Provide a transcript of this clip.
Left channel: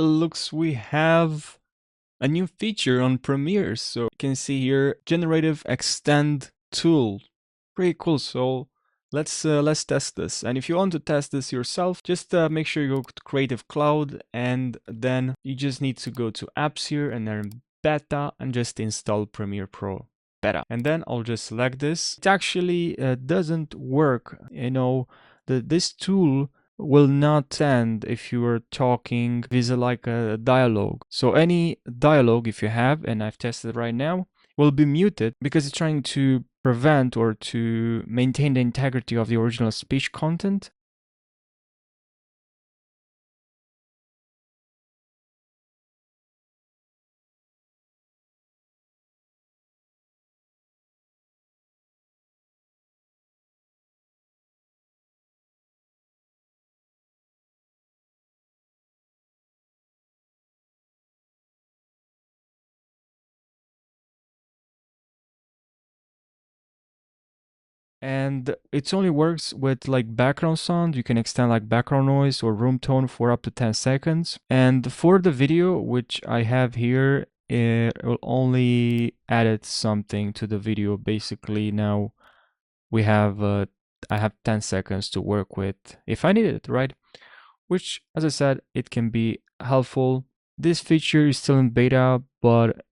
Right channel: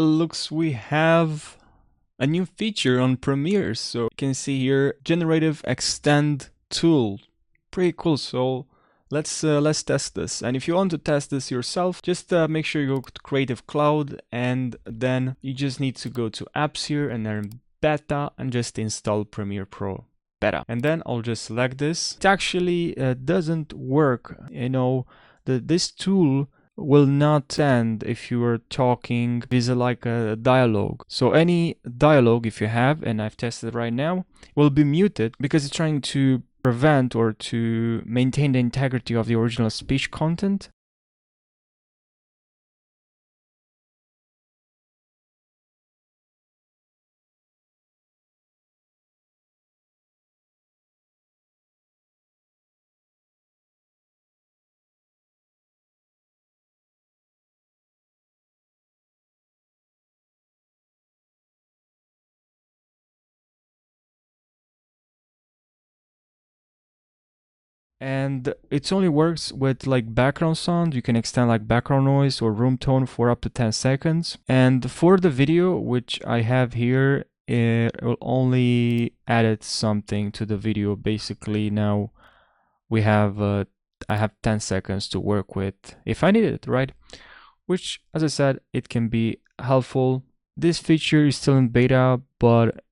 looks we have a new feature on Premiere. So you can see here, Generative Extend Tool. Pretty cool. So let's test this. And if you want to test this yourself, just make sure you go to Creative Cloud, and then you just need to go to Apps here and then Beta, and just install Premiere Pro Beta. And then I'll just select this. It actually doesn't work. This tool will not end if you are talking vis-a like a dialogue. So any dialogue, if you have, and I've tested right now, will be muted because it's trying to prevent or to maintain the integrity of the original speech content. And it only works with like background sound. You can extend like background noise or room tone for up to 10 seconds. And for the video, which I have here, it will only add something to the video. Basically, now we have I have 10 seconds to work with if I need it, right? Which, as I said, it can be helpful. This feature is still in beta, but